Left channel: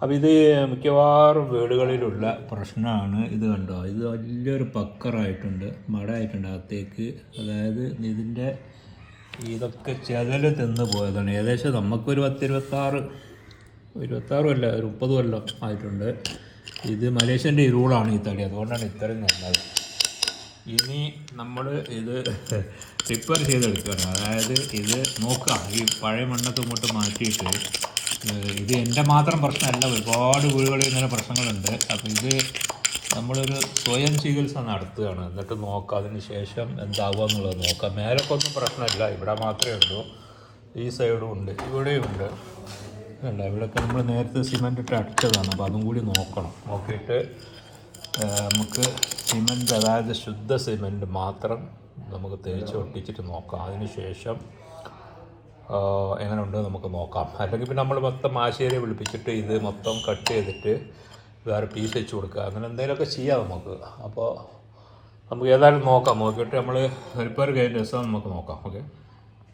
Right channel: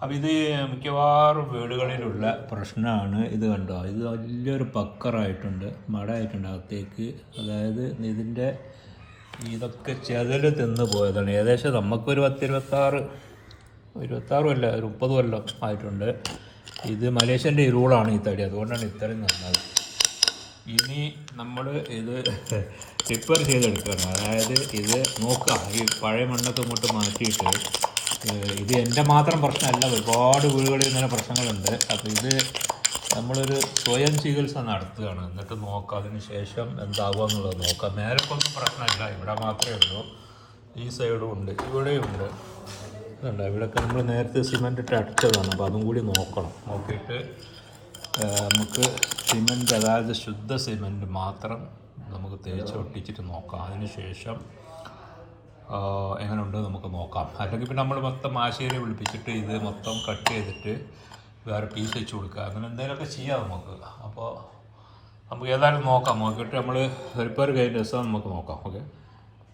അപ്പോൾ ഇത് മിക്കവാറും വീടുകളിലുള്ള പ്രശ്നമാണ്. ഇത് കണ്ടോ, ഇത് വലിയൊരു പക്കറായിട്ടുണ്ട്, മടയായിട്ടുണ്ട് അകത്തേക്ക്. അതായത് ഇതിൻ്റെ ഇതൊക്കെ ചെതൽ തിന്ന് പോയതാണ്. ഏകദേശം നമുക്കൊരു 26 കൊല്ലം, ഒരു 30 കൊല്ലം ആയിട്ടുണ്ട്. ഇത് മലേഷ്യൻ്റെ ഈ റൂളാണ് ഈ തടി, അതുകൊണ്ടാണ് ഇത്രയും നല്ലത്. ഇനി നമ്മൾ ഇത് റിപ്പയർ ചെയ്തെടുക്കണം. അതായത് ഇത് നോക്കാം, ഈ പഴയ മണ്ണൊക്കെ ഇങ്ങോട്ട് മാറ്റിയിട്ട്. ഇത് എൻ്റെ മാത്രം പ്രശ്നമല്ല, ഒരുപാട് വീടുകളിൽ ഇങ്ങനെ പ്രശ്നങ്ങളുണ്ട്. അപ്പോൾ ഇത് നമ്മളൊരു സ്വയം ചികിത്സ നടത്തുകയാണ്. എന്നിട്ട് നോക്കാം, അതിന് ശേഷം എന്താവുക എന്നുള്ളത് നോക്കാം. മേലക്കൊന്നും പ്രശ്നമില്ല, ഇവിടെ മാത്രമേ ഉള്ളൂ. ഈ സൈഡും ഉണ്ട്, ഇവിടെയും ഉണ്ട്. ഇവിടെയൊക്കെ നമ്മൾ നേരത്തെ സിമെൻ്റ് ഇട്ട് അടിച്ചതാണ്. അപ്പോൾ അതും കൂടി നോക്കിയിട്ട് നമുക്ക് സിമെൻ്റ്, അതായത് ശുദ്ധ സിമെൻ്റ് മാത്രം നമുക്ക് തേച്ച് ഒട്ടിച്ചിട്ട് നോക്കാം. അതിന് ശേഷം എങ്ങനെ ഉണ്ട് നമുക്ക് നോക്കാം. അല്ലെങ്കിൽ പിന്നെ നമ്മൾ മൊത്തം ആശേരി വിളിപ്പിച്ചിട്ട് ഇത് മൊത്തം കട്ട് ചെയ്തിട്ട് വേറെ പീസ് വെച്ച് കൊടുക്കുക, അങ്ങനെ എന്തെങ്കിലുമൊക്കെ ചെയ്യാം നമുക്ക്. അപ്പോൾ നമുക്ക് ഏതായാലും നോക്കാം. നോക്കിയിട്ട് നമ്മൾ റിപ്പയർ കഴിഞ്ഞ ദിവസം നമുക്ക് നോക്കാം.